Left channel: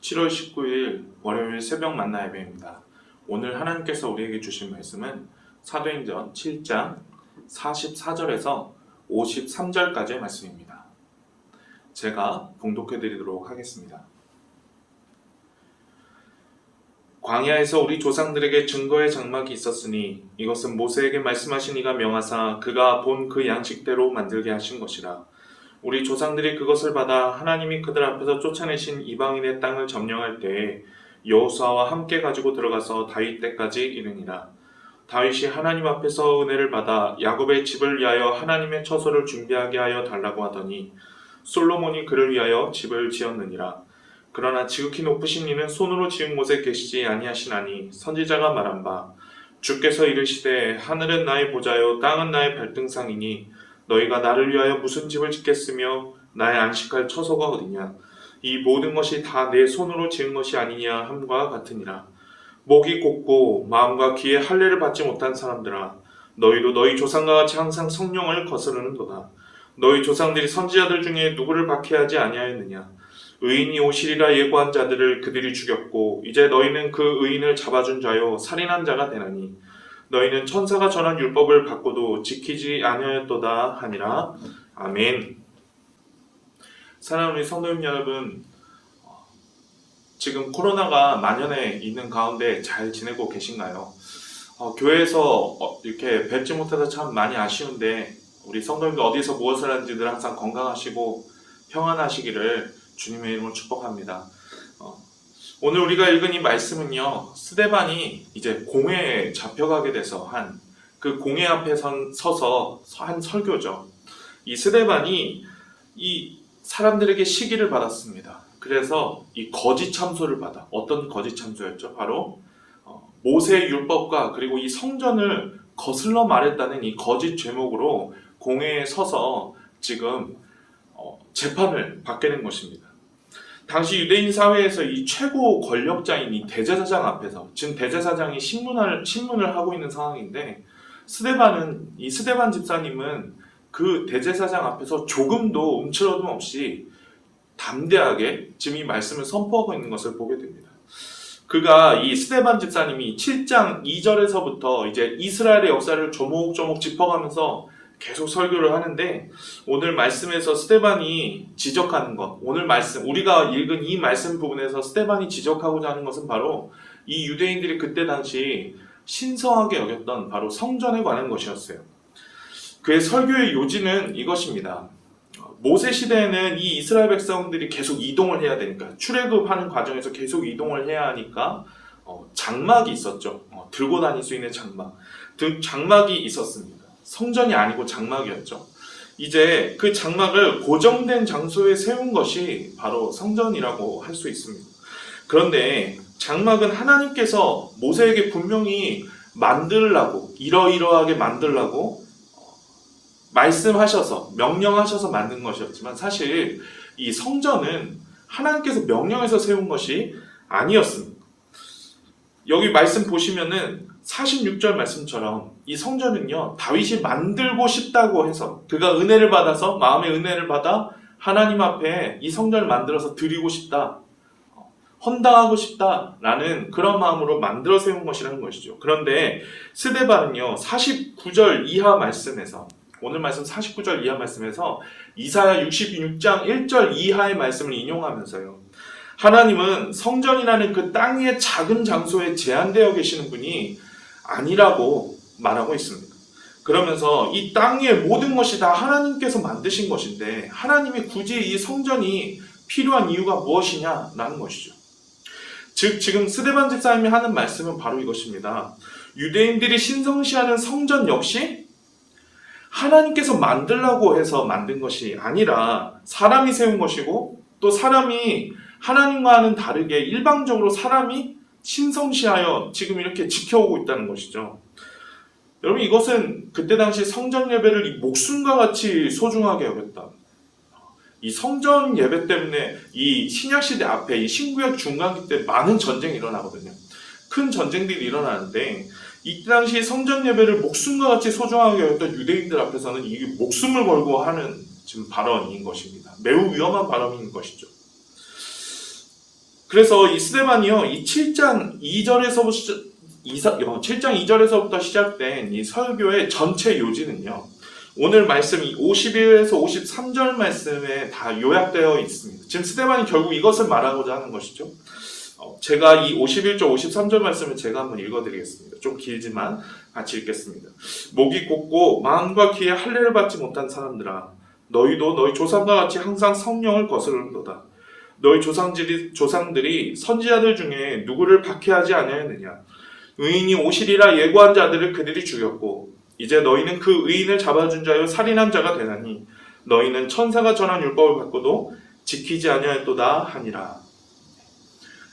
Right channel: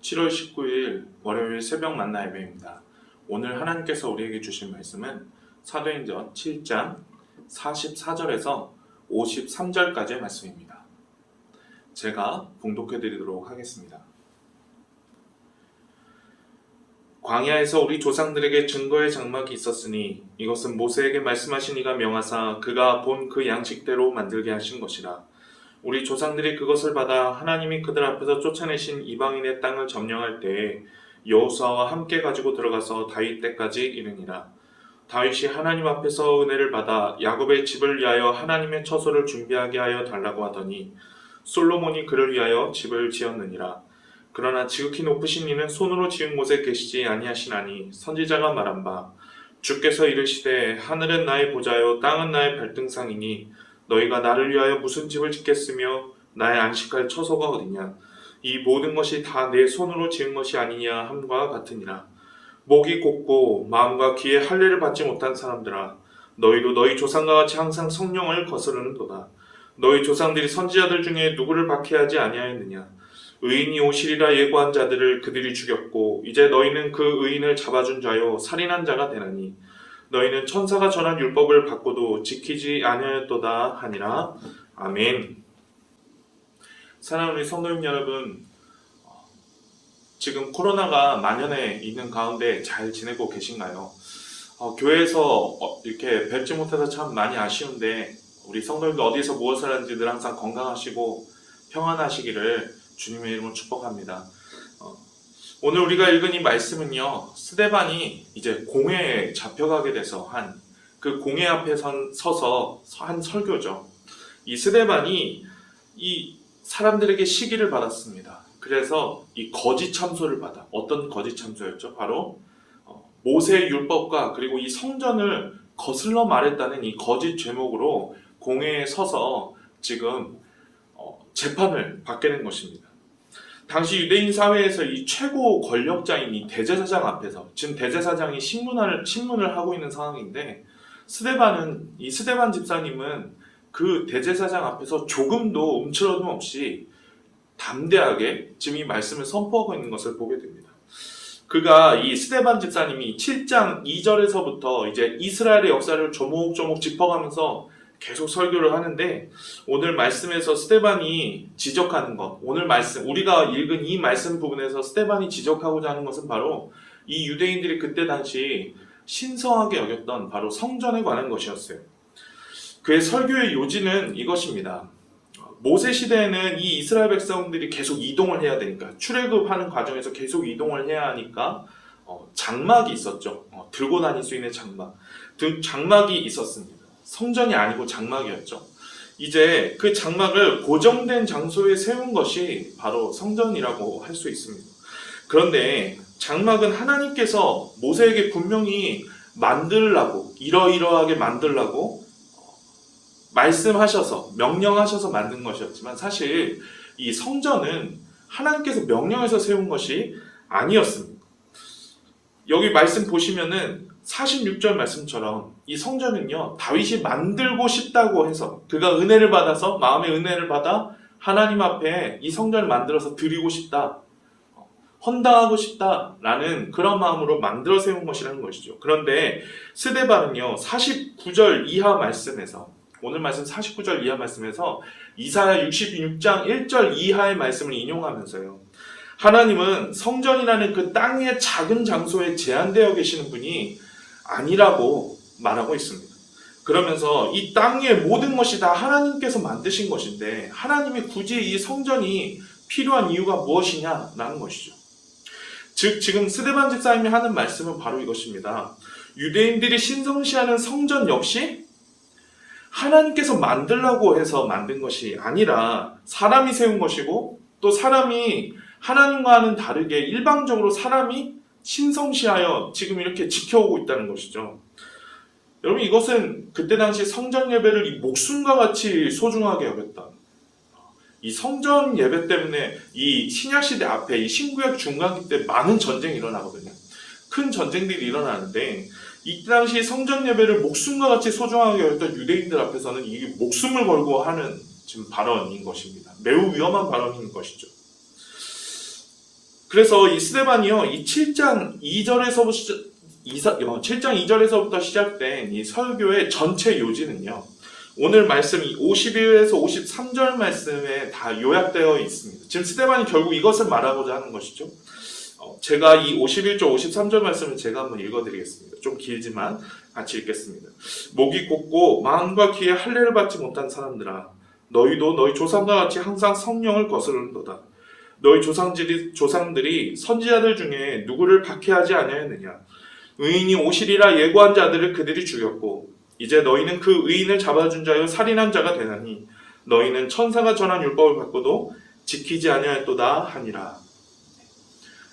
7월 19일 월요일 새벽 만나 예배입니다. 오늘 하나님께서 우리에게 주신 말씀은 사도행전 7장 44절에서 53절까지의 말씀입니다. 제가 봉독해 드리도록 하겠습니다. 광야에서 우리 조상들에게 증거의 장막이 있었으니 이것은 모세에게 말씀하신 이가 명하사 그가 본 그 양식대로 만들게 하신 것이라. 우리 조상들이 그것을 받아 하나님이 그들 앞에서 쫓아내신 이방인의 땅을 점령할 때에 여호수아와 함께 가지고 들어가서 다윗 때까지 이르니라. 다윗이 하나님 앞에서 은혜를 받아 야곱의 집을 위하여 하나님의 처소를 준비하게 하여 달라고 하더니 솔로몬이 그를 위하여 집을 지었느니라. 그러나 지극히 높으신 이는 손으로 지은 곳에 계시지 아니하시나니 선지자가 말한 바 주께서 이르시되 하늘은 나의 보좌요 땅은 나의 발등상이니 너희가 나를 위하여 무슨 집을 짓겠으며 나의 안식할 처소가 어디냐. 이 모든 것이 다 내 손으로 지은 것이 아니냐 함과 같으니라. 목이 곧고 마음과 귀에 할례를 받지 못한 사람들아, 너희도 너희 조상과 같이 항상 성령을 거스르는도다. 너희 조상들이 선지자들 중에 누구를 박해하지 아니하였느냐. 의인이 오시리라 예고한 자들을 그들이 죽였고 이제 너희는 그 의인을 잡아준 자요 살인한 자가 되나니 너희는 천사가 전한 율법을 받고도 지키지 않으였도다 하니라. 아멘. 사랑하는 우리 성도님 여러분, 지금 코로나가 만연해 있는 가운데 잘 지내고 계신가요? 교회에서 이렇게 뵙지 못해서 참 많이 아쉬운데 우리 성도님들 어디서 무엇을 하는지 늘 항상 건강하시고 평안하시기를 주님의 이름으로 축복합니다. 오늘 우리가 읽은 이 말씀은요, 스데반이 이제 공회에 잡혀가게 돼서 그 공회 앞에 서서 한 설교죠. 이 스데반이 이 사람들에게 시기를 받았습니다. 그래서 이 거짓 참소를 받아. 어떤 거짓 참소였죠? 바로 모세의 율법과 그리고 이 성전을 거슬러 말했다는 이 거짓 죄목으로 공회에 서서 지금 재판을 받게 된 것입니다. 당시 유대인 사회에서 이 최고 권력자인 이 대제사장 앞에서, 지금 대제사장이 신문을 하고 있는 상황인데, 이 스데반 집사님은 그 대제사장 앞에서 조금도 움츠러듦 없이 담대하게 지금 이 말씀을 선포하고 있는 것을 보게 됩니다. 그가 이 스데반 집사님이 7장 2절에서부터 이제 이스라엘의 역사를 조목조목 짚어가면서 계속 설교를 하는데, 오늘 말씀에서 스데반이 지적하는 것, 우리가 읽은 이 말씀 부분에서 스데반이 지적하고자 하는 것은 바로 이 유대인들이 그때 당시 신성하게 여겼던 바로 성전에 관한 것이었어요. 그의 설교의 요지는 이것입니다. 모세 시대에는 이 이스라엘 백성들이 계속 이동을 해야 되니까, 출애굽하는 과정에서 계속 이동을 해야 하니까 장막이 있었죠. 들고 다닐 수 있는 장막이 있었습니다. 성전이 아니고 장막이었죠. 이제 그 장막을 고정된 장소에 세운 것이 바로 성전이라고 할 수 있습니다. 그런데 장막은 하나님께서 모세에게 분명히 만들라고, 이러이러하게 만들라고 말씀하셔서, 명령하셔서 만든 것이었지만, 사실 이 성전은 하나님께서 명령해서 세운 것이 아니었습니다. 여기 말씀 보시면은 46절 말씀처럼 이 성전은요, 다윗이 만들고 싶다고 해서, 그가 은혜를 받아서, 마음의 은혜를 받아 하나님 앞에 이 성전을 만들어서 드리고 싶다, 헌당하고 싶다라는 그런 마음으로 만들어 세운 것이라는 것이죠. 그런데 스데반은요, 49절 이하 말씀에서, 오늘 말씀 49절 이하 말씀에서 이사야 66장 1절 이하의 말씀을 인용하면서요, 하나님은 성전이라는 그 땅의 작은 장소에 제한되어 계시는 분이 아니라고 말하고 있습니다. 그러면서 이 땅의 모든 것이 다 하나님께서 만드신 것인데 하나님이 굳이 이 성전이 필요한 이유가 무엇이냐라는 것이죠. 즉 지금 스데반 집사님이 하는 말씀은 바로 이것입니다. 유대인들이 신성시하는 성전 역시 하나님께서 만들라고 해서 만든 것이 아니라 사람이 세운 것이고, 또 사람이 하나님과는 다르게 일방적으로 사람이 신성시하여 지금 이렇게 지켜오고 있다는 것이죠. 여러분, 이것은 그때 당시 성전 예배를 이 목숨과 같이 소중하게 여겼다. 이 성전 예배 때문에 이 신약시대 앞에 이 신구약 중간기 때 많은 전쟁이 일어나거든요. 큰 전쟁들이 일어나는데, 이때 당시 성전 예배를 목숨과 같이 소중하게 여겼던 유대인들 앞에서는 이 목숨을 걸고 하는 지금 발언인 것입니다. 매우 위험한 발언인 것이죠. 그래서 이 스데반이요, 이 7장 2절에서부터 시작된 이 설교의 전체 요지는요, 오늘 말씀 이 51에서 53절 말씀에 다 요약되어 있습니다. 지금 스데반이 결국 이것을 말하고자 하는 것이죠. 제가 이 51절, 53절 말씀을 제가 한번 읽어드리겠습니다. 좀 길지만 같이 읽겠습니다. 목이 곧고 마음과 귀에 할례를 받지 못한 사람들아, 너희도 너희 조상과 같이 항상 성령을 거스르는도다. 너희 조상들이 선지자들 중에 누구를 박해하지 아니하였느냐? 의인이 오시리라 예고한 자들을 그들이 죽였고 이제 너희는 그 의인을 잡아준 자여 살인한 자가 되나니 너희는 천사가 전한 율법을 받고도 지키지 아니하였도다 하니라.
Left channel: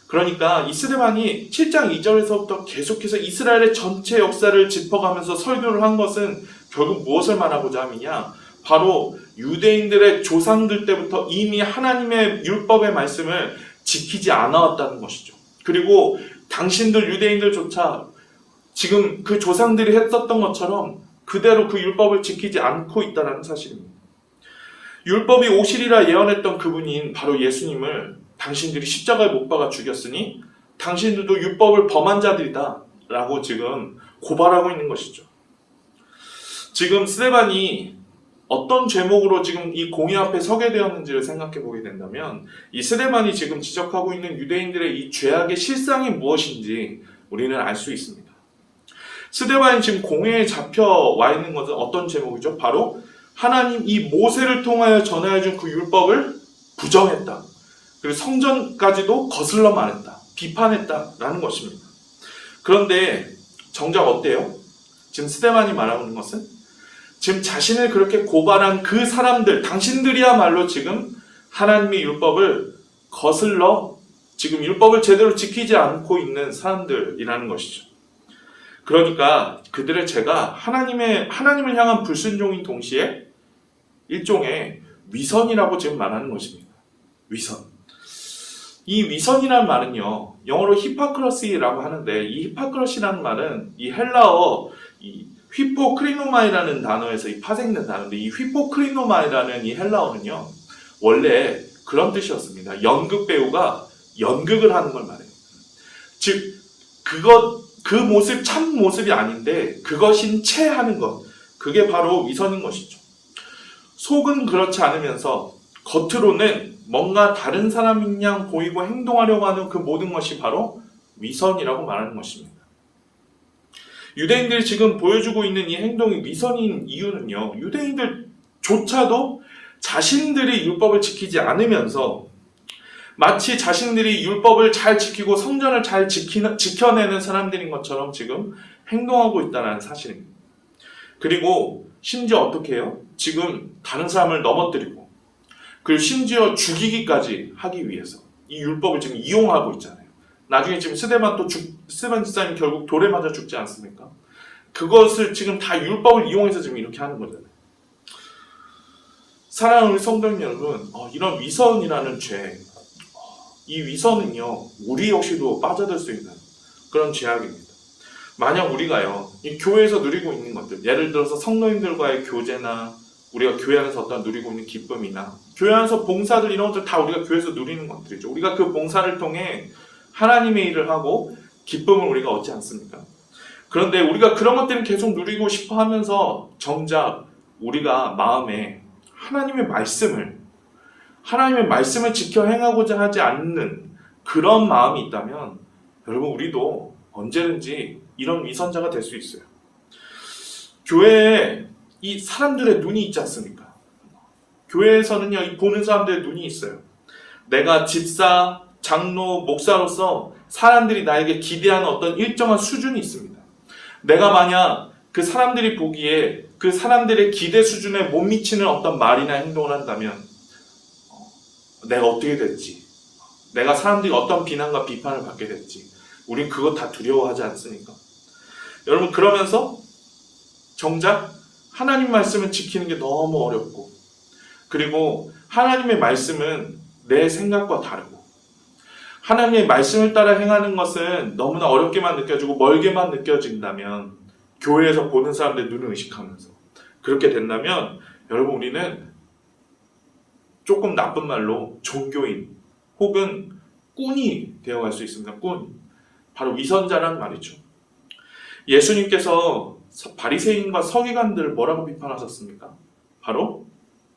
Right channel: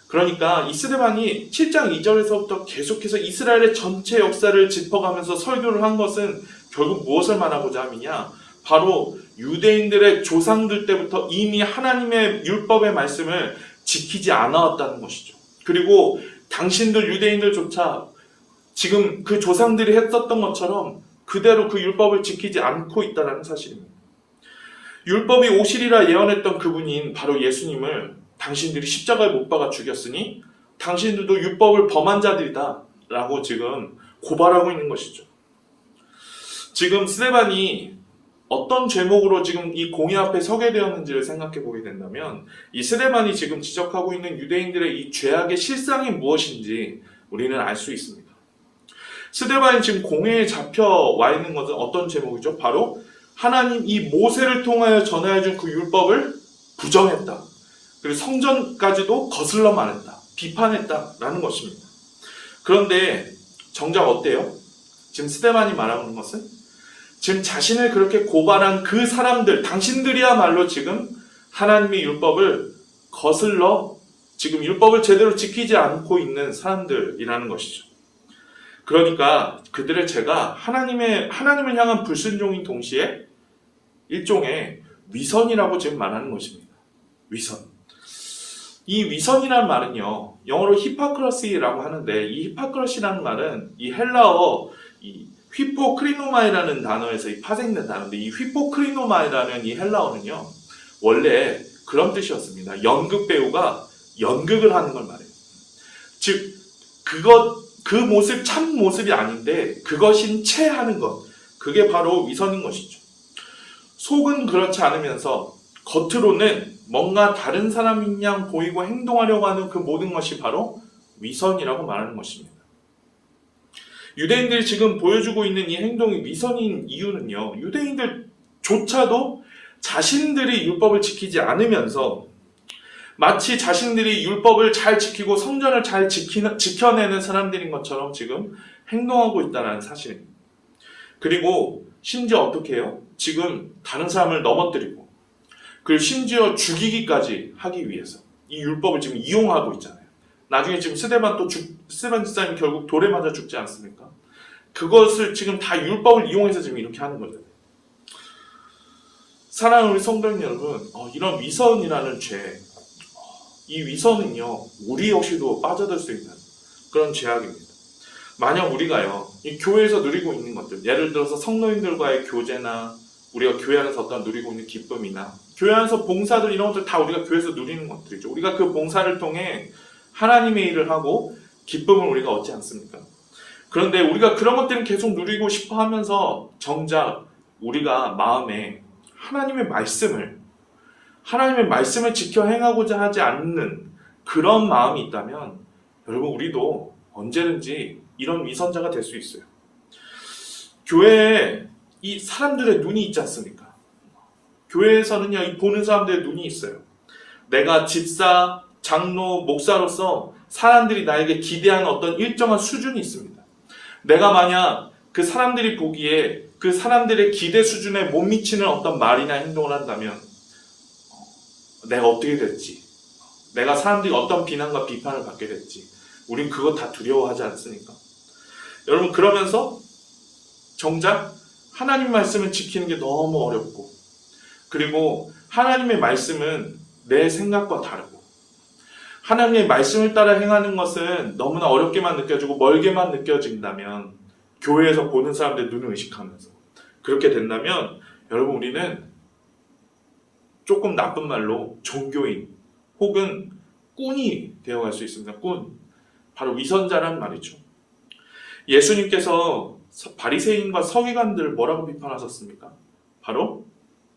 그러니까 이 스데반이 7장 2절에서부터 계속해서 이스라엘의 전체 역사를 짚어가면서 설교를 한 것은 결국 무엇을 말하고자 함이냐? 바로 유대인들의 조상들 때부터 이미 하나님의 율법의 말씀을 지키지 않아왔다는 것이죠. 그리고 당신들 유대인들조차 지금 그 조상들이 했었던 것처럼 그대로 그 율법을 지키지 않고 있다는 사실입니다. 율법이 오시리라 예언했던 그분인 바로 예수님을 당신들이 십자가에 못 박아 죽였으니 당신들도 율법을 범한 자들이다 라고 지금 고발하고 있는 것이죠. 지금 스데반이 어떤 죄목으로 지금 이 공의 앞에 서게 되었는지를 생각해 보게 된다면 이 스데반이 지금 지적하고 있는 유대인들의 이 죄악의 실상이 무엇인지 우리는 알 수 있습니다. 스데반이 지금 공회에 잡혀와 있는 것은 어떤 제목이죠? 바로 하나님 이 모세를 통하여 전하여준 그 율법을 부정했다. 그리고 성전까지도 거슬러 말했다. 비판했다라는 것입니다. 그런데 정작 어때요? 지금 스데반이 말하고 있는 것은 지금 자신을 그렇게 고발한 그 사람들, 당신들이야말로 지금 하나님의 율법을 거슬러 지금 율법을 제대로 지키지 않고 있는 사람들이라는 것이죠. 그러니까 그들의 죄가 하나님을 향한 불순종인 동시에 일종의 위선이라고 지금 말하는 것입니다. 위선. 이 위선이라는 말은요, 영어로 히파크러시라고 하는데 이 히파크러시라는 말은 이 헬라어 이 휘포크리노마이라는 단어에서 파생된 단어인데 이 휘포크리노마이라는 이 헬라어는요, 원래 그런 뜻이었습니다. 연극 배우가 연극을 하는 걸 말해요. 즉, 그 모습, 참 모습이 아닌데 그것인 채 하는 것. 그게 바로 위선인 것이죠. 속은 그렇지 않으면서 겉으로는 뭔가 다른 사람인 양 보이고 행동하려고 하는 그 모든 것이 바로 위선이라고 말하는 것입니다. 유대인들이 지금 보여주고 있는 이 행동이 위선인 이유는요, 유대인들조차도 자신들이 율법을 지키지 않으면서 마치 자신들이 율법을 잘 지키고 성전을 잘 지켜내는 사람들인 것처럼 지금 행동하고 있다는 사실입니다. 그리고 심지어 어떻게 해요? 지금 다른 사람을 넘어뜨리고 그리고 심지어 죽이기까지 하기 위해서 이 율법을 지금 이용하고 있잖아요. 나중에 지금 스데반 집사님 결국 돌에 맞아 죽지 않습니까? 그것을 지금 다 율법을 이용해서 지금 이렇게 하는 거잖아요. 사랑하는 우리 성도 여러분, 이런 위선이라는 죄, 이 위선은요, 우리 역시도 빠져들 수 있는 그런 죄악입니다. 만약 우리가요, 이 교회에서 누리고 있는 것들, 예를 들어서 성도님들과의 교제나 우리가 교회 안에서 어떤 누리고 있는 기쁨이나 교회 안에서 봉사들 이런 것들 다 우리가 교회에서 누리는 것들이죠. 우리가 그 봉사를 통해 하나님의 일을 하고 기쁨을 우리가 얻지 않습니까? 그런데 우리가 그런 것들은 계속 누리고 싶어 하면서 정작 우리가 마음에 하나님의 말씀을 지켜 행하고자 하지 않는 그런 마음이 있다면 여러분 우리도 언제든지 이런 위선자가 될 수 있어요. 교회에 이 사람들의 눈이 있지 않습니까? 교회에서는요, 이 보는 사람들의 눈이 있어요. 내가 집사, 장로, 목사로서 사람들이 나에게 기대하는 어떤 일정한 수준이 있습니다. 내가 만약 그 사람들이 보기에 그 사람들의 기대 수준에 못 미치는 어떤 말이나 행동을 한다면 내가 어떻게 될지, 내가 사람들이 어떤 비난과 비판을 받게 될지 우린 그거 다 두려워하지 않습니까? 여러분 그러면서 정작 하나님 말씀을 지키는 게 너무 어렵고 그리고 하나님의 말씀은 내 생각과 다르고 하나님의 말씀을 따라 행하는 것은 너무나 어렵게만 느껴지고 멀게만 느껴진다면 교회에서 보는 사람들의 눈을 의식하면서 그렇게 된다면 여러분 우리는 조금 나쁜 말로 종교인 혹은 꾼이 되어갈 수 있습니다. 꾼. 바로 위선자란 말이죠. 예수님께서 바리새인과 서기관들을 뭐라고 비판하셨습니까? 바로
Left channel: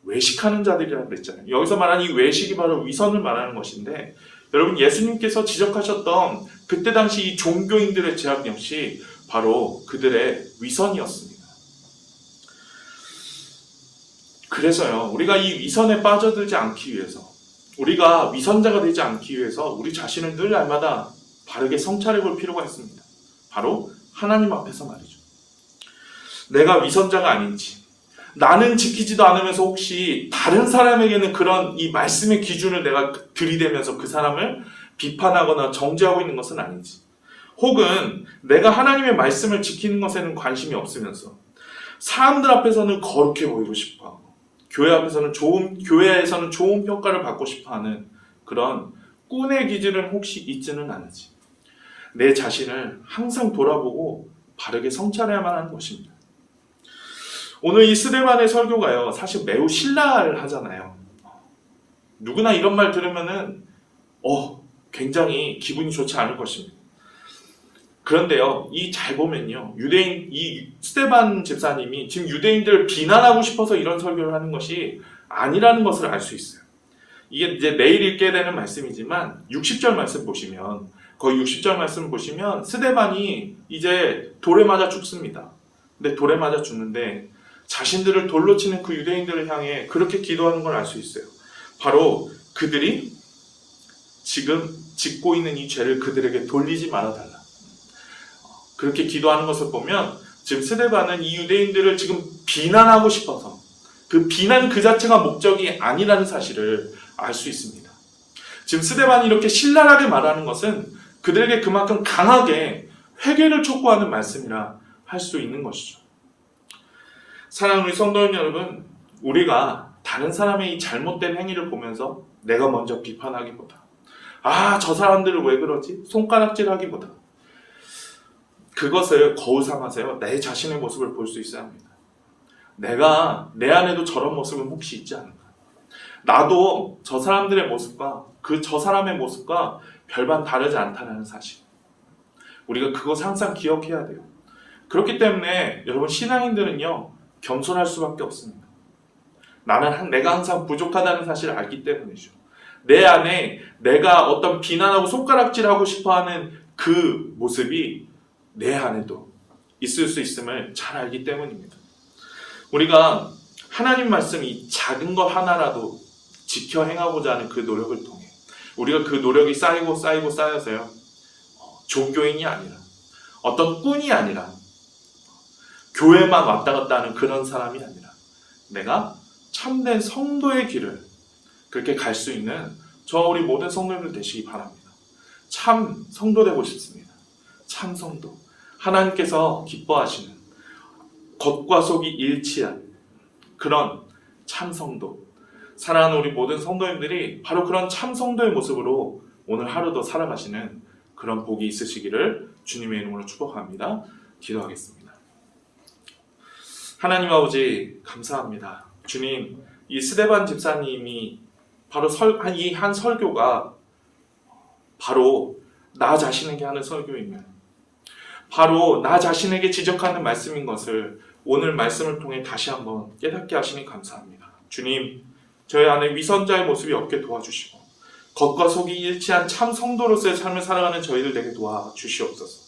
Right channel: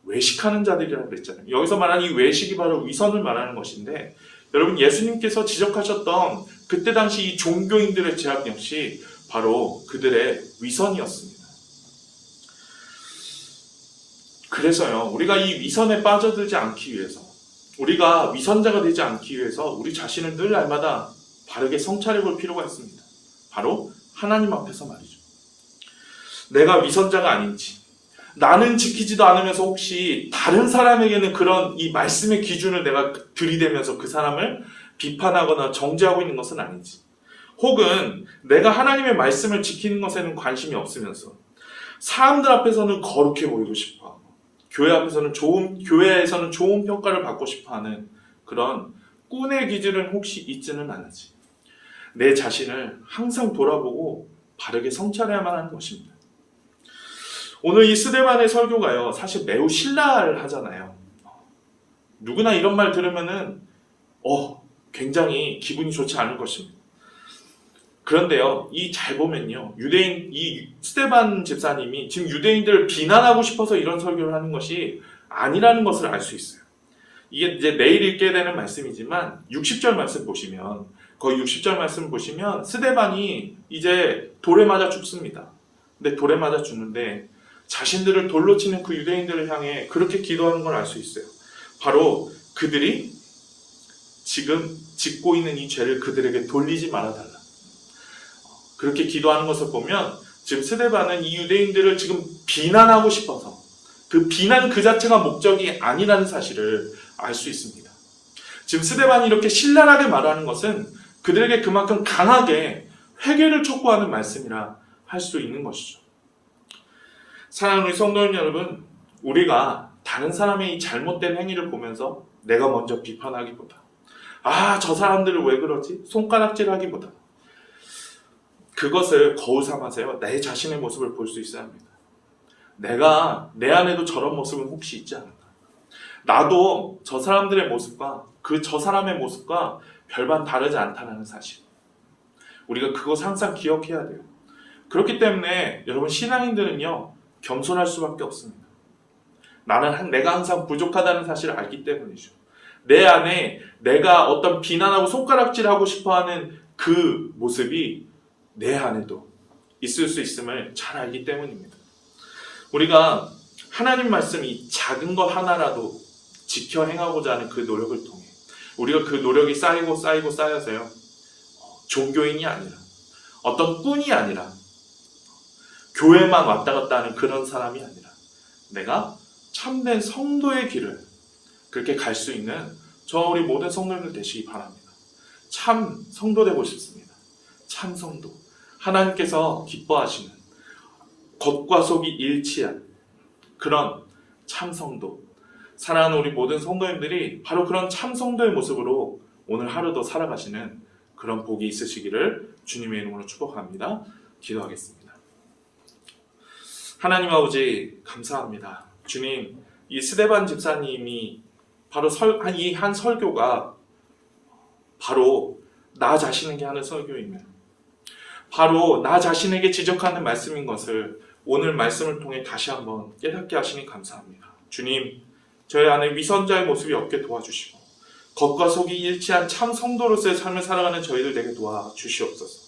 외식하는 자들이라고 그랬잖아요. 여기서 말하는 이 외식이 바로 위선을 말하는 것인데, 여러분, 예수님께서 지적하셨던 그때 당시 이 종교인들의 죄악 역시 바로 그들의 위선이었습니다. 그래서요, 우리가 이 위선에 빠져들지 않기 위해서, 우리가 위선자가 되지 않기 위해서 우리 자신을 늘 날마다 바르게 성찰해 볼 필요가 있습니다. 바로 하나님 앞에서 말이죠. 내가 위선자가 아닌지, 나는 지키지도 않으면서 혹시 다른 사람에게는 그런 이 말씀의 기준을 내가 들이대면서 그 사람을 비판하거나 정죄하고 있는 것은 아닌지, 혹은 내가 하나님의 말씀을 지키는 것에는 관심이 없으면서 사람들 앞에서는 거룩해 보이고 싶어하고 교회에서는 좋은 평가를 받고 싶어하는 그런 꾼의 기질은 혹시 있지는 않은지, 내 자신을 항상 돌아보고 바르게 성찰해야만 하는 것입니다. 오늘 이 스데반의 설교가요, 사실 매우 신랄을 하잖아요. 누구나 이런 말 들으면은 굉장히 기분이 좋지 않을 것입니다. 그런데요, 이 잘 보면요, 이 스데반 집사님이 지금 유대인들을 비난하고 싶어서 이런 설교를 하는 것이 아니라는 것을 알 수 있어요. 이게 이제 내일 읽게 되는 말씀이지만 60절 말씀 보시면, 거의 60절 말씀 보시면 스데반이 이제 돌에 맞아 죽습니다. 근데 돌에 맞아 죽는데 자신들을 돌로 치는 그 유대인들을 향해 그렇게 기도하는 걸 알 수 있어요. 바로 그들이 지금 짓고 있는 이 죄를 그들에게 돌리지 말아달라. 그렇게 기도하는 것을 보면 지금 스데반은 이 유대인들을 지금 비난하고 싶어서, 그 비난 그 자체가 목적이 아니라는 사실을 알 수 있습니다. 지금 스데반이 이렇게 신랄하게 말하는 것은 그들에게 그만큼 강하게 회개를 촉구하는 말씀이라 할 수 있는 것이죠. 사랑하는 우리 성도님 여러분, 우리가 다른 사람의 이 잘못된 행위를 보면서 내가 먼저 비판하기보다, 저 사람들을 왜 그러지? 손가락질하기보다, 그것을 거울 삼아서요, 내 자신의 모습을 볼 수 있어야 합니다. 내가 내 안에도 저런 모습은 혹시 있지 않은가? 나도 저 사람들의 모습과 저 사람의 모습과 별반 다르지 않다는 사실, 우리가 그것을 항상 기억해야 돼요. 그렇기 때문에 여러분, 신앙인들은요, 겸손할 수밖에 없습니다. 내가 항상 부족하다는 사실을 알기 때문이죠. 내 안에 내가 어떤 비난하고 손가락질하고 싶어하는 그 모습이 내 안에도 있을 수 있음을 잘 알기 때문입니다. 우리가 하나님 말씀 이 작은 것 하나라도 지켜 행하고자 하는 그 노력을 통해 우리가 그 노력이 쌓여서요, 종교인이 아니라, 어떤 꾼이 아니라, 교회만 왔다 갔다 하는 그런 사람이 아니라 내가 참된 성도의 길을 그렇게 갈 수 있는 우리 모든 성도들 되시기 바랍니다. 참 성도 되고 싶습니다. 참 성도, 하나님께서 기뻐하시는 겉과 속이 일치한 그런 참 성도, 사랑하는 우리 모든 성도님들이 바로 그런 참 성도의 모습으로 오늘 하루도 살아가시는 그런 복이 있으시기를 주님의 이름으로 축복합니다. 기도하겠습니다. 하나님 아버지, 감사합니다. 주님, 이 스데반 집사님이 바로 이 한 설교가 바로 나 자신에게 하는 설교이면, 바로 나 자신에게 지적하는 말씀인 것을 오늘 말씀을 통해 다시 한번 깨닫게 하시니 감사합니다. 주님, 저희 안에 위선자의 모습이 없게 도와주시고 겉과 속이 일치한 참 성도로서의 삶을 살아가는 저희들 되게 도와주시옵소서.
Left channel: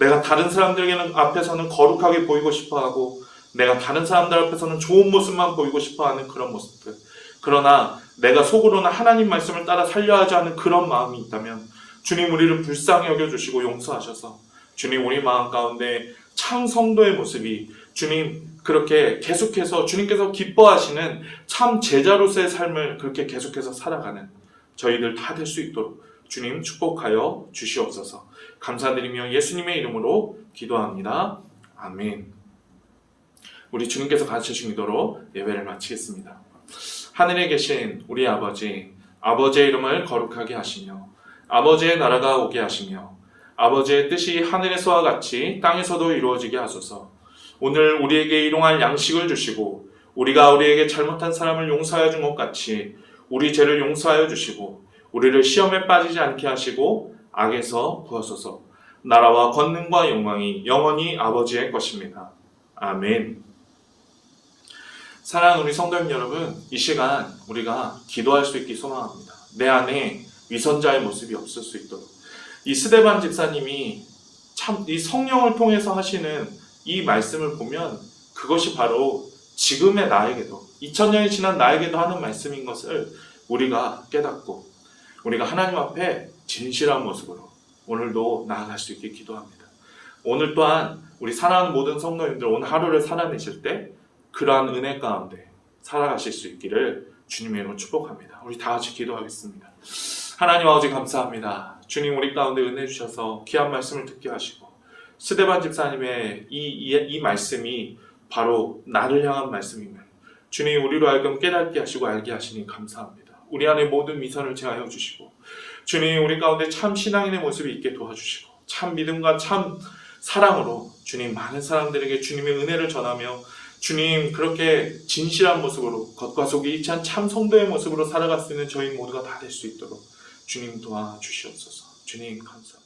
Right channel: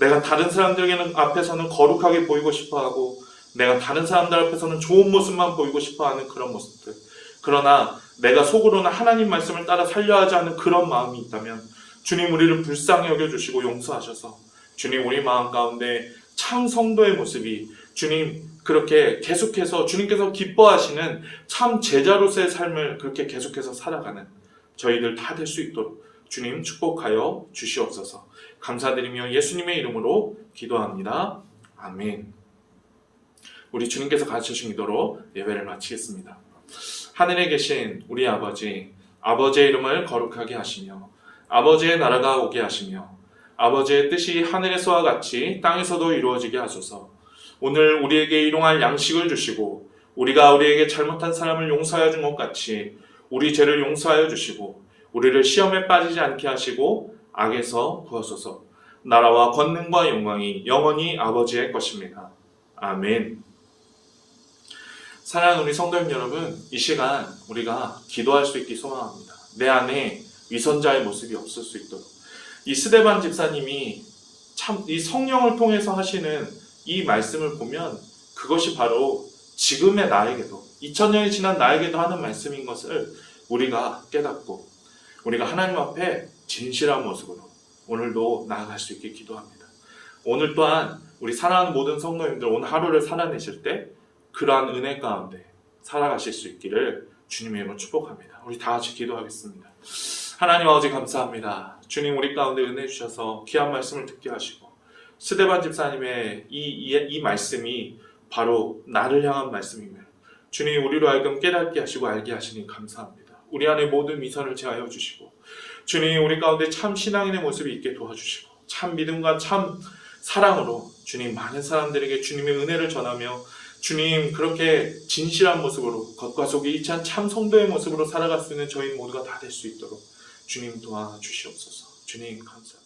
내가 다른 사람들에게는 앞에서는 거룩하게 보이고 싶어하고 내가 다른 사람들 앞에서는 좋은 모습만 보이고 싶어하는 그런 모습들, 그러나 내가 속으로는 하나님 말씀을 따라 살려야 하는 그런 마음이 있다면 주님, 우리를 불쌍히 여겨주시고 용서하셔서 주님, 우리 마음 가운데 참 성도의 모습이 주님 그렇게 계속해서 주님께서 기뻐하시는 참 제자로서의 삶을 그렇게 계속해서 살아가는 저희들 다 될 수 있도록 주님 축복하여 주시옵소서. 감사드리며 예수님의 이름으로 기도합니다. 아멘. 우리 주님께서 가르쳐주신 기도로 예배를 마치겠습니다. 하늘에 계신 우리 아버지, 아버지의 이름을 거룩하게 하시며 아버지의 나라가 오게 하시며 아버지의 뜻이 하늘에서와 같이 땅에서도 이루어지게 하소서. 오늘 우리에게 일용할 양식을 주시고 우리가 우리에게 잘못한 사람을 용서하여 준 것 같이 우리 죄를 용서하여 주시고 우리를 시험에 빠지지 않게 하시고 악에서 구하소서. 나라와 권능과 영광이 영원히 아버지의 것입니다. 아멘. 사랑하는 우리 성도님 여러분, 이 시간 우리가 기도할 수 있기 소망합니다. 내 안에 위선자의 모습이 없을 수 있도록. 이 스데반 집사님이 참 이 성령을 통해서 하시는 이 말씀을 보면 그것이 바로 지금의 나에게도 2000년이 지난 나에게도 하는 말씀인 것을 우리가 깨닫고 우리가 하나님 앞에 진실한 모습으로 오늘도 나아갈 수 있게 기도합니다. 오늘 또한 우리 사랑하는 모든 성도님들 오늘 하루를 살아내실 때 그러한 은혜 가운데 살아가실 수 있기를 주님의 이름으로 축복합니다. 우리 다 같이 기도하겠습니다. 하나님 아버지 감사합니다. 주님 우리 가운데 은혜 주셔서 귀한 말씀을 듣게 하시고 스데반 집사님의 이 말씀이 바로 나를 향한 말씀임을 주님 우리로 하여금 깨닫게 하시고 알게 하시니 감사합니다. 우리 안에 모든 미선을 제하여 주시고 주님 우리 가운데 참 신앙인의 모습이 있게 도와주시고 참 믿음과 참 사랑으로 주님 많은 사람들에게 주님의 은혜를 전하며 주님 그렇게 진실한 모습으로 겉과 속이 일치한 참 성도의 모습으로 살아갈 수 있는 저희 모두가 다 될 수 있도록 주님 도와주시옵소서. 주님 감사합니다.